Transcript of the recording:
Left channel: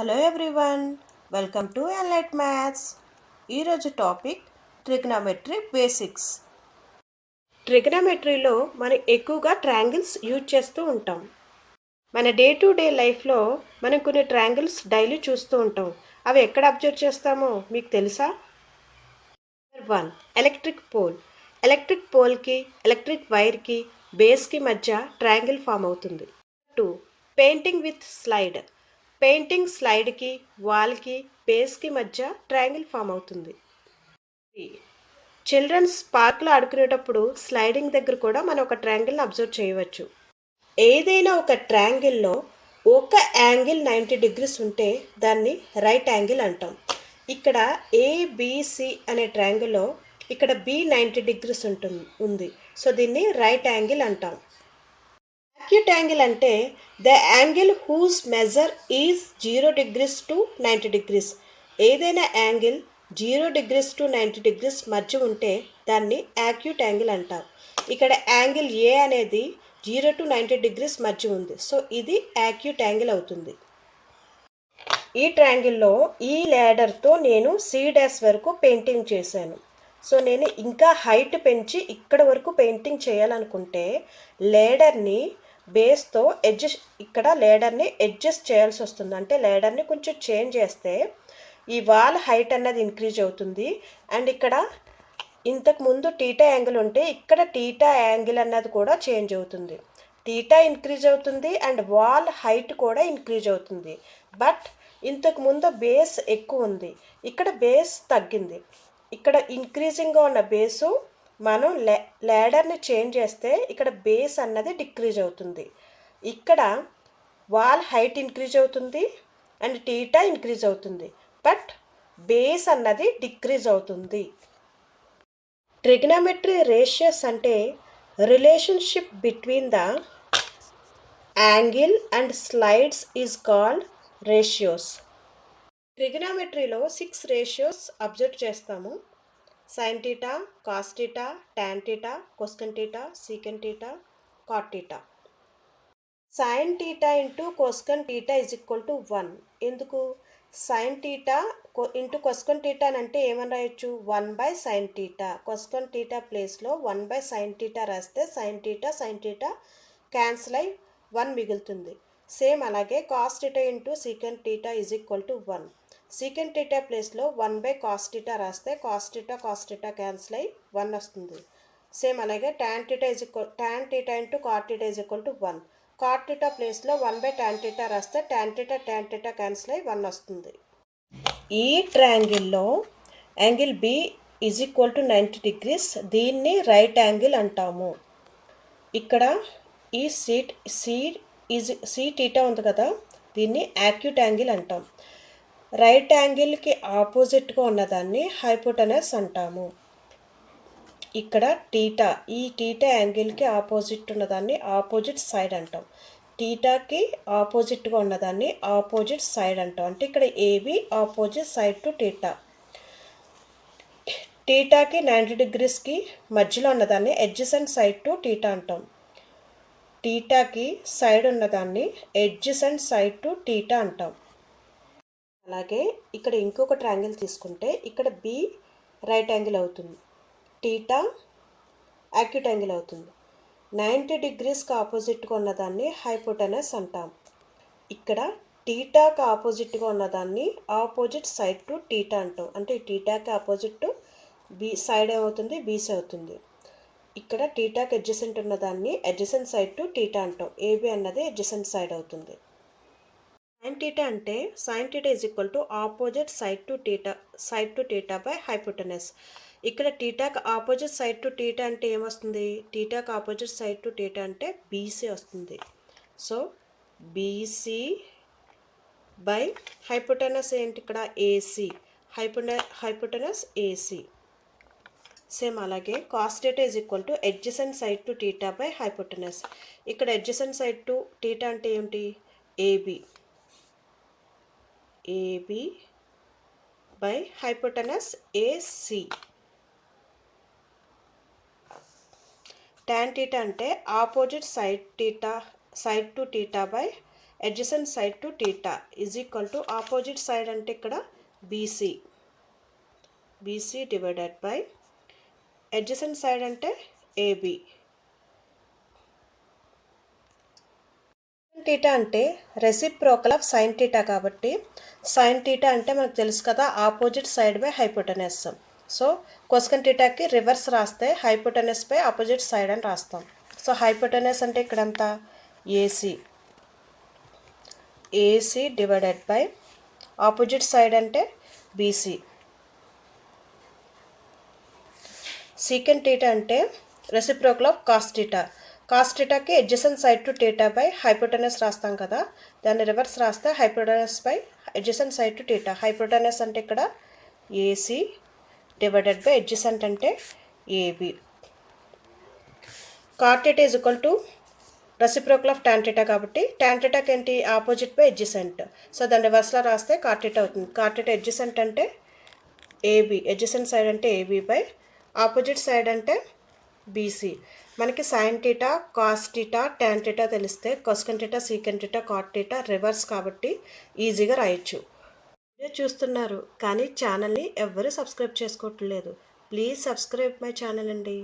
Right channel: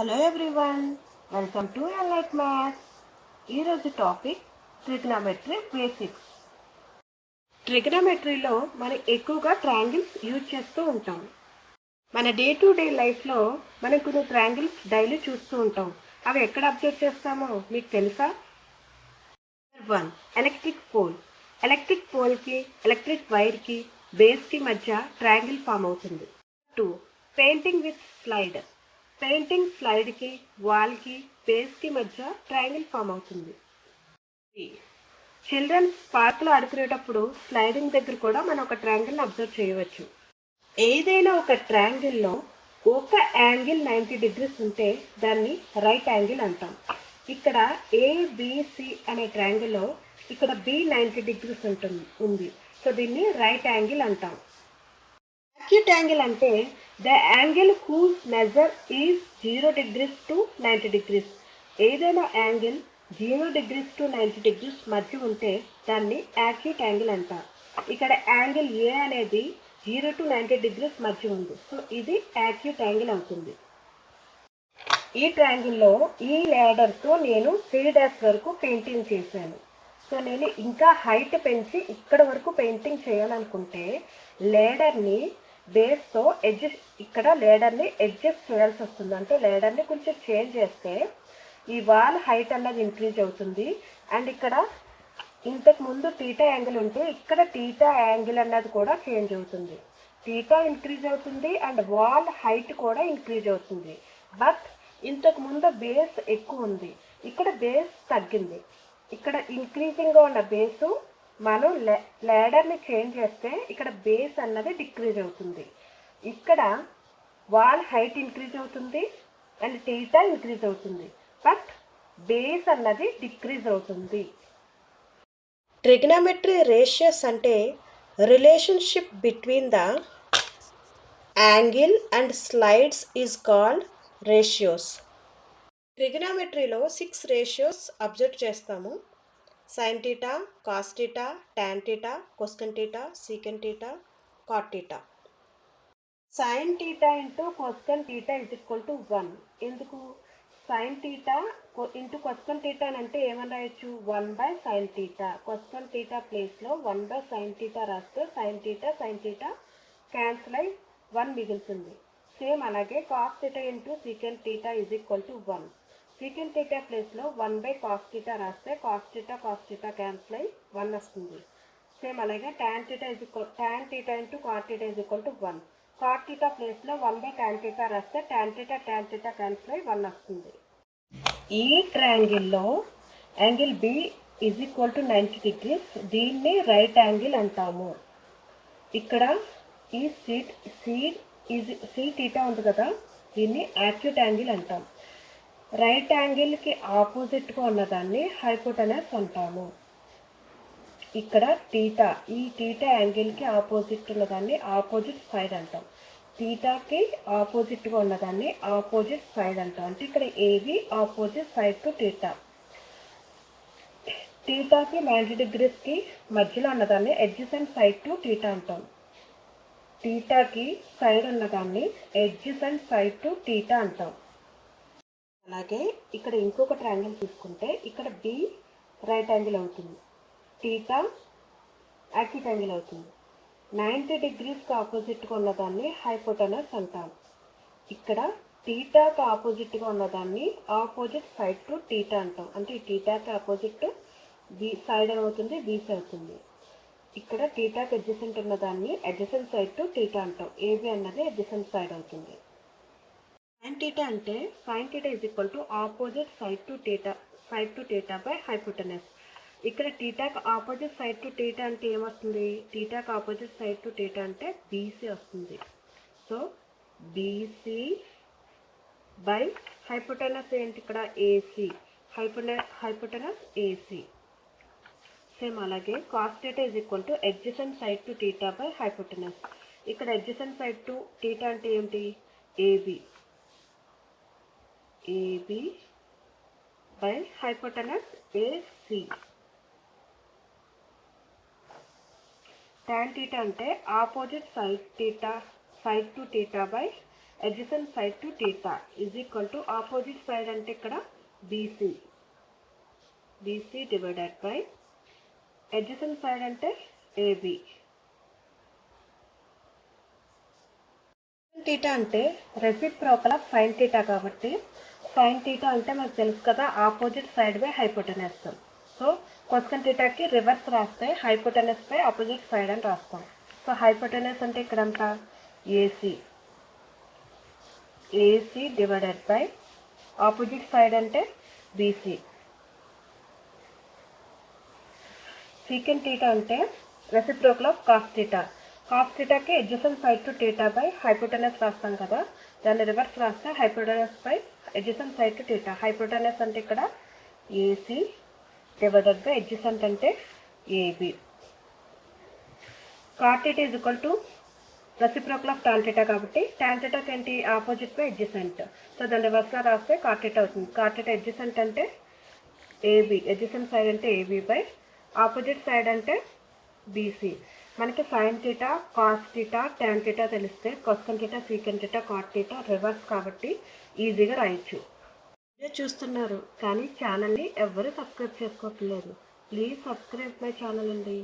Hello everyone, welcome to ఎన్లైట్ maths. ఈరోజు topic trigonometry basics. ట్రిగ్నోమెట్రీలో మనం ఎక్కువగా ట్రయాంగిల్స్ యూజ్ చేస్తూ ఉంటాం. మన డే టు డే లైఫ్లో మనం కొన్ని ట్రయాంగిల్స్ డైలీ చూస్తూ ఉంటాం. అవి ఎక్కడ అబ్జర్వ్ చేస్తామో మీకు తెలుసా? 1. Electric pole. ఎలక్ట్రిక్ పోల్కి ఎలక్ట్రిక్ వైర్కి బేస్కి మధ్య ట్రయాంగిల్ ఫామ్ అవుతుంది. 2. Painting with slide. పెయింటింగ్ స్లైడ్కి వాల్కి బేస్కి మధ్య ట్రయాంగిల్ ఫామ్ అవుతుంది. 3. చిల్డ్రన్స్ పార్క్లో ఆడుకునేటప్పుడు స్లైడింగ్ దగ్గర కూడా మనం ఒక ట్రయాంగిల్ని అబ్జర్వ్ చేయవచ్చు. ఏదైనా ఒక ట్రయాంగిల్లో ఒక యాంగిల్ 90 degrees ఉంటే దాన్ని రైట్ యాంగిల్ అంటాం. ఇక్కడ ఏబిసి అనే ట్రయాంగిల్లో ఇక్కడ బి 90 degrees ఉంది. సో దీన్ని రైట్ యాంగిల్ అంటాం. యాక్యూట్ యాంగిల్ అంటే the angle whose measure is 0 degrees to 90 degrees. ఏదైనా యాంగిల్ 0 degrees to 90 degrees మధ్య ఉంటే దాన్ని యాక్యూట్ యాంగిల్ అంటారు. ఇక్కడ యాంగిల్ ఏ అనేది 0 to 90 degrees మధ్య ఉంది. సో ఇది యాక్యూట్ యాంగిల్ అవుతుంది. ఈ ట్రయాంగిల్లో ఈ ల్యాడర్తో నేను C' వరకు పెయింటింగ్ చేశాను. సో నేను ఇంకా హైట్ పెంచి ఇక్కడ వరకు పెయింటింగ్ చేయాలనుకుంటే లేడర్ని బేస్తో ఇక్కడ లేడర్ని అడ్జస్ట్ చేయాల్సి వస్తుంది. అంటే లేడర్ని కొంచెం చేంజ్ చేస్తే ఈ వాల్ హైట్ అన్నది ఇంక్రీజ్ అవుతుంది. అండ్ ఇక్కడ ఇంతకు ముందు టీటా యాంగిల్ ఉంటే ఇక్కడ టీటా యాంగిల్ అన్నది కూడా చేంజ్ అవుతుంది. టీటా ఇంక్రీజ్ అవుతుంది అండ్ వాల్ హైట్ కూడా ఇంక్రీజ్ అవుతుంది. బట్ ఇంతకు ముందు బేస్ ఎక్కువ ఉంది, ఇక్కడ బేస్ తగ్గింది. ఇక్కడ ఇంక్రీజింగ్గా ఉన్న బేసు మనం ల్యాడర్ని చేంజ్ చేస్తే ఇక్కడ బేస్ అన్నది డిక్రీజ్ అవుతుంది. ఇక్కడ వాల్ హైట్ ఇంక్రీజ్ అవుతుంది అండ్ టీటా ఇంక్రీజ్ అవుతుంది, బట్ బేస్ అన్నది డిక్రీజ్ అవుతుంది. ట్రిగ్నోమెట్రీ రేషియోస్ అంటే relationship between the angle and sides is called ratios. ట్రిగ్నోమెట్రీలో 6 రేషియోస్ అబ్జర్వ్ చేస్తాము. Sine theta, cos theta, tan theta, cosecant theta, secant theta, cot theta. Sine theta into cosecant theta is equal to 1. ఎందుకు? Sine theta into cosecant theta అంటే ఏమని రాయొచ్చు? 1/sin theta. Cosecant theta ప్లేస్లో 1/sin theta రాస్తే sine theta cancel అయి 1 మిగులుతుంది. Same అలాగే cos theta into సీకెన్ theta is equal to 1. సీకెన్ theta ప్లేస్లో 1/cos టీటా రాస్తే కాస్ టీటా క్యాన్సిల్ అయ్యి 1 వస్తుంది. సేమ్ అలాగే tan theta into cot theta is equal to 1. Cot theta ప్లేస్లో 1/tan టీటా రాస్తే టాన్ టీటా క్యాన్సిల్ అయ్యి 1 వస్తుంది. ఈ ట్రయాంగిల్లో angle B is equal to 90 degrees. దీన్ని రైట్ యాంగిల్ అంటాము. ఇక్కడ ఈ సి టీటా ఉంది కదా, దీన్ని యాక్యూట్ యాంగిల్ అంటాం. రైట్ యాంగిల్కి ఆపోజిట్గా ఉన్నదాన్ని హైపోటెనస్ అంటాము. ఇక్కడ టీటా, ఈ టీటా యాంగిల్కి ఆపోజిట్ ఉన్నదాన్ని ఆపోజిట్ సైడ్ అంటాం. టీటాకి ఆపోజిట్గా ఉన్నదాన్ని ఆపోజిట్ సైడ్ అంటాం. అంటే ఇక్కడ AB opposite side to theta. టీటాకి 90 degreesకి మధ్యలో ఉన్నదాన్ని అడ్జసెంట్ సైడ్ టు టీటా అంటాం. టీటాకి సైడ్ ఉన్నదాన్ని అడ్జసెంట్ సైడ్ టు టీటా అంటాం. అలాగే ఇక్కడ ఇంకొక ట్రయాంగిల్ తీసుకుంటే ఇక్కడ బి రైట్ యాంగిల్ అవుతుంది, టీటా యాక్యూట్ యాంగిల్ అవుతుంది. 90 degreesకి ఆపోజిట్గా ఉన్నదాన్ని హైపోటెనస్ అంటాం. ఇక్కడ టీటాకి ఆపోజిట్గా ఉన్నదాన్ని ఆపోజిట్ సైడ్ టు టీటా అంటాం. అంటే టీటాకి ఆపోజిట్ బి సైడ్ అవుతుంది, బీసీ అవుతుంది. ఇక్కడ టీటాకి అడ్జసెంట్ ఉన్నదాన్ని అడ్జసెంట్ సైడ్ టు టీటా అంటాం. ఏబి అన్నది అడ్జసెంట్ సైడ్ అవుతుంది. సైన్ టీటా అంటే sine theta is equal to opposite side to theta by hypotenuse. ఇక్కడ టీటాకి ఆపోజిట్ సైడ్ టు టీటా అంటే ఏమొస్తుంది? టీటాకి ఆపోజిట్ సైడ్ టు టీటా అంటే బీసీ వస్తుంది. సో బీసీ బై హైపోటెనస్ ఏంటి? ఇక్కడ ఏసీ. Hypotenuse AC. సేమ్ అలాగే cos theta is equal to adjacent side to theta by hypotenuse. ఇక్కడ adjacent side to theta అంటే ఏంటి? AB. AB by hypotenuse AC. Tan theta అంటే opposite side to theta by adjacent side to theta is equal to opposite side అంటే ఇక్కడ BC divided by adjacent side అంటే AB. Theta అంటే reciprocal of sine theta కాబట్టి sine theta అంటే మనకు తెలుసు కదా opposite side by hypotenuse. So cosecant టీటాకి రివర్స్ రాస్తే హైపోటెనస్ బై ఆపోజిట్ సైడ్ అని రాస్తాం. సో హైపోటెనస్ అంటే ఇక్కడంతా AC divided by opposite side అంటే బీసీ. సీకెంట్ టీటా అంటే reciprocal of cos theta. Cos టీటాకి adjacent side to theta by hypotenuse రాస్తాం కదా, దాన్ని రివర్స్ రాస్తే hypotenuse by adjacent side to theta. Hypotenuse అంటే ఇక్కడ ఏసీ డివైడెడ్ బై అడ్జసెంట్ అంటే AB. Cot theta is equal to reciprocal of tan theta కాబట్టి tan టీటాకి ఏంటి ఆపోజిట్ బై అడ్జసెంట్. సో దాన్ని రివర్స్లో రాస్తే కాట్ టీటా అవుతుంది. కాట్ టీటా అడ్జసెంట్ అంటే ఏబి, అడ్జసెంట్ సైడ్ అంటే ఏబి బై ఆపోజిట్ సైడ్ అంటే బీసీ. మనకి sine theta, cos theta, tan theta తెలిస్తే cosecant theta, secant theta, cot theta reverse కాబట్టి ఈజీగా రాయొచ్చు. వీడియో చూస్తున్నారు కానీ ఛానల్ని ఎవ్వరూ సబ్స్క్రైబ్ చేసుకోవట్లేదు. ప్లీజ్ సబ్స్క్రైబ్ మై ఛానల్ అండి.